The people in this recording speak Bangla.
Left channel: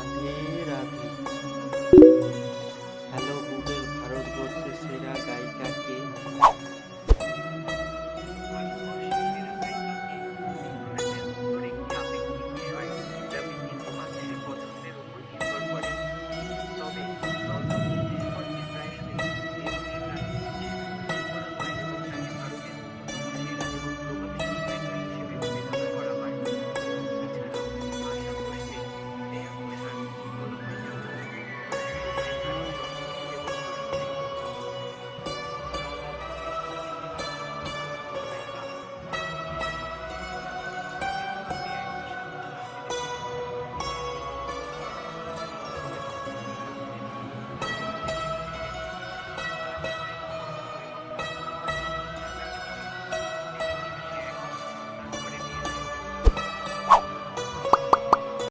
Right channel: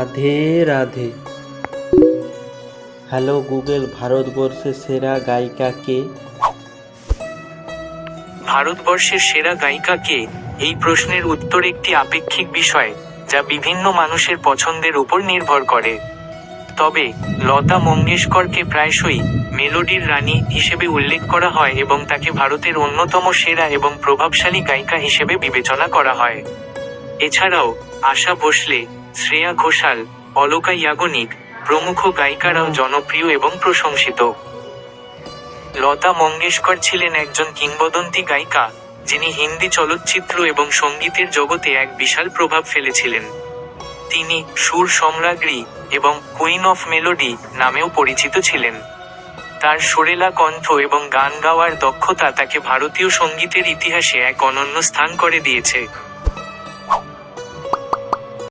রাধে রাধে। হ্যালো গুগল, ভারতবর্ষের সেরা গায়িকা কে? ভারতবর্ষের সেরা গায়িকা কে? এই প্রশ্নের উত্তর একটি আপেক্ষিক বিষয়, যা বিভিন্ন মানুষের পছন্দের উপর নির্ভর করে। তবে লতা মঙ্গেশকরকে প্রায়শই মেলোডির রানী হিসেবে উল্লেখ করা হয় এবং তাকে ভারতের অন্যতম সেরা এবং প্রভাবশালী গায়িকা হিসেবে বিবেচনা করা হয়। এছাড়াও আশা ভোসলে, শ্রেয়া ঘোষাল, অলকা ইয়াগনিক প্রমুখ গায়িকারাও জনপ্রিয় এবং প্রশংসিত। লতা মঙ্গেশকর ছিলেন একজন কিংবদন্তি গায়িকা, যিনি হিন্দি চলচ্চিত্র এবং সঙ্গীতের জগতে এক বিশাল প্রভাব ফেলেছিলেন। তিনি সুর সম্রাজ্ঞী এবং কুইন অফ মেলোডি নামেও পরিচিত ছিলেন। তার সুরেলা কণ্ঠ এবং গান গাওয়ার দক্ষতা তাকে ভারতীয় সঙ্গীতের ইতিহাসে এক অনন্য স্থান করে দিয়েছে।